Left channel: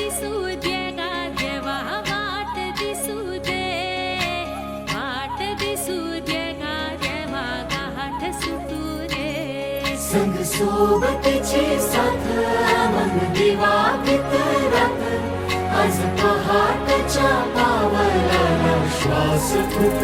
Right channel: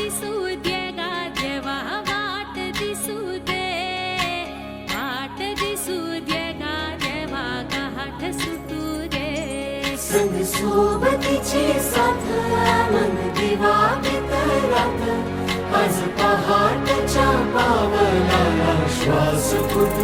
दिसू दे गा देवा वाट दिसू दे. वाट दिसू दे गा देवा गाठ सुटू रे संग सोबतीचे साथ मन दिवा रात आज पहाटच्या पावला श्वास तुटू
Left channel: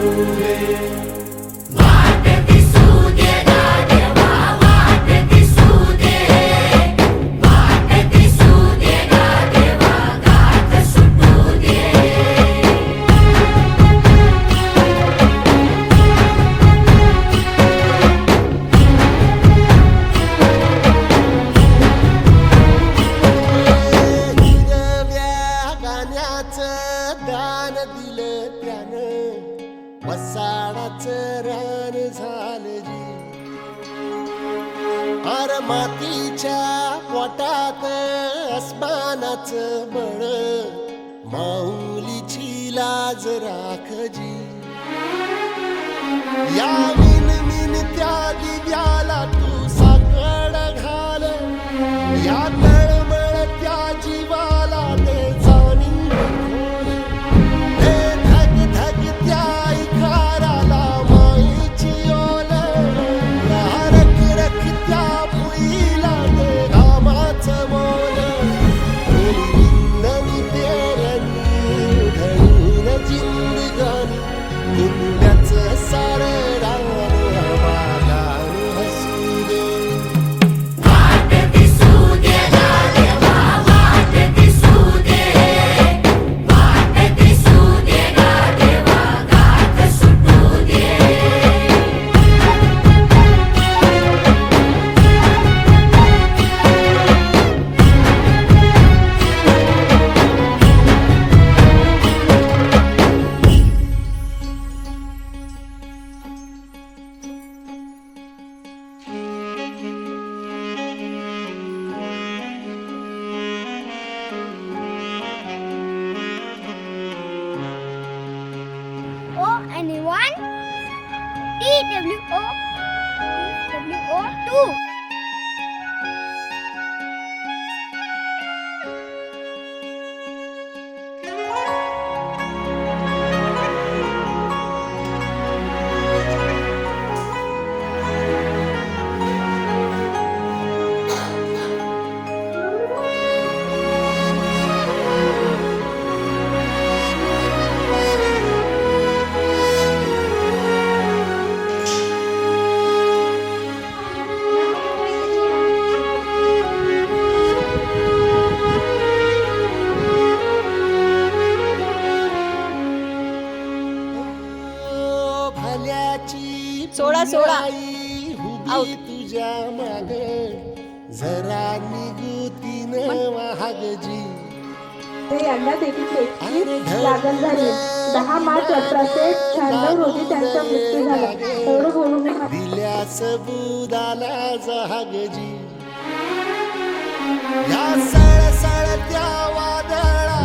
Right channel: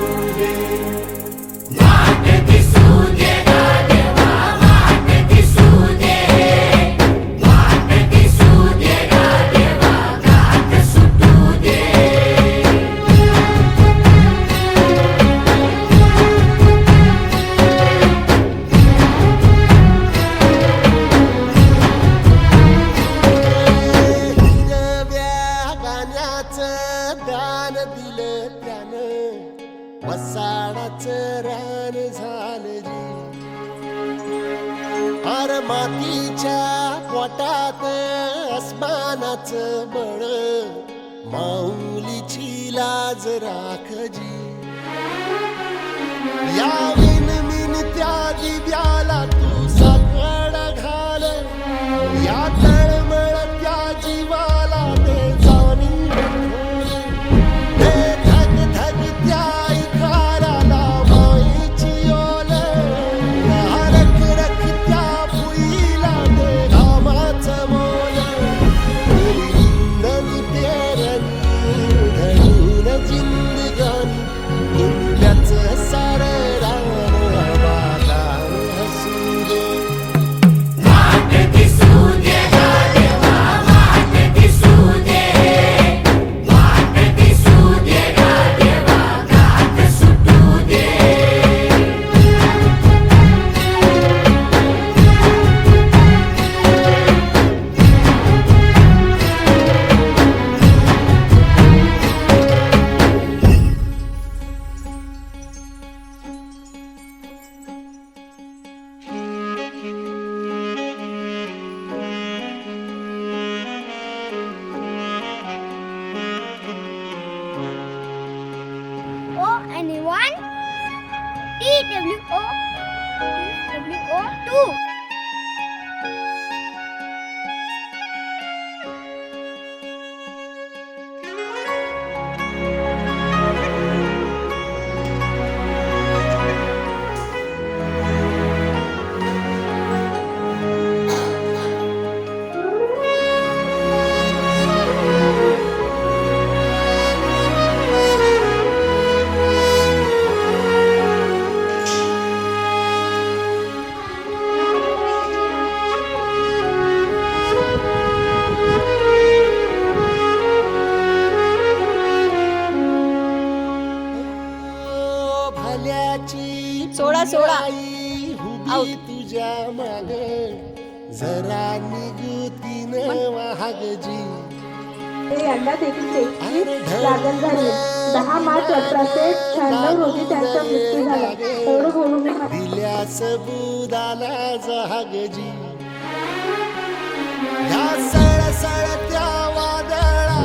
आसाळाच रान झालं जी. आर मातीच्या पोटात अस्मानाच बळ माऊलीची लाज राखजी. या विन मिन त्या दिव्या বাবু आऊ. तुझ्या माग जरा निघू न वाहगजी यांना देखील तेहतीस लागण झाली. दहा वादळा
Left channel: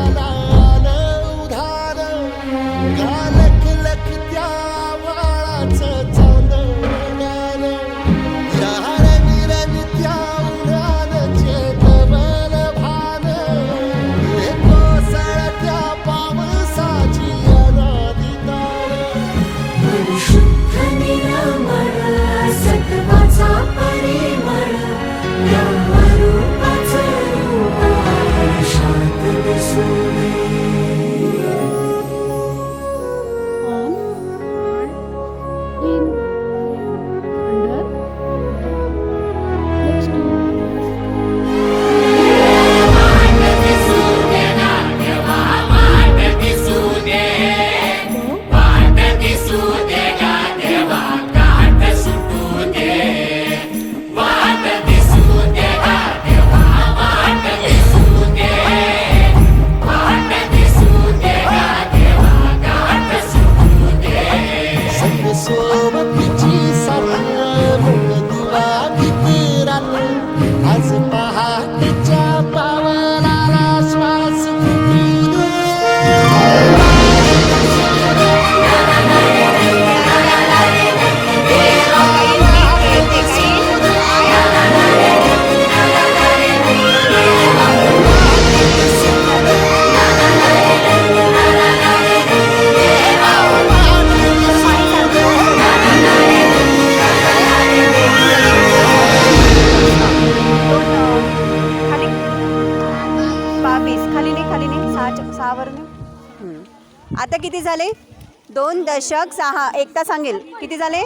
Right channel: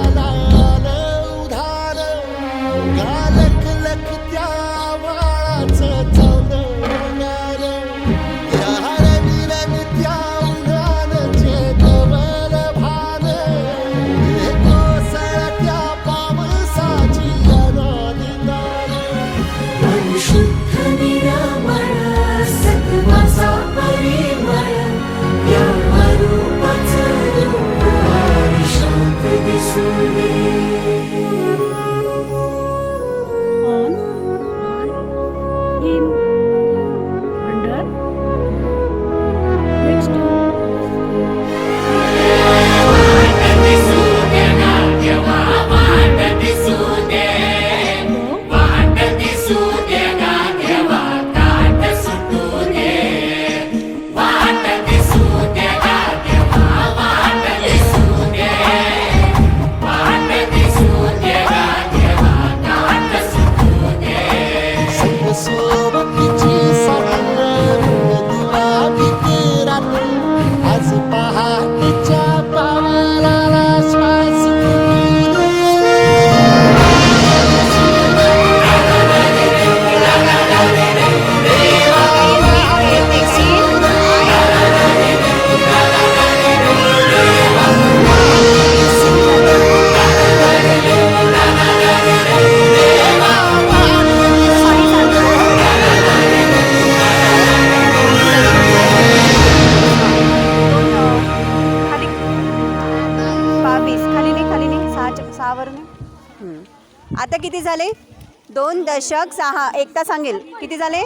आता किती झाले? दोन दशक सहा. एकता सांगेल. किती झाले?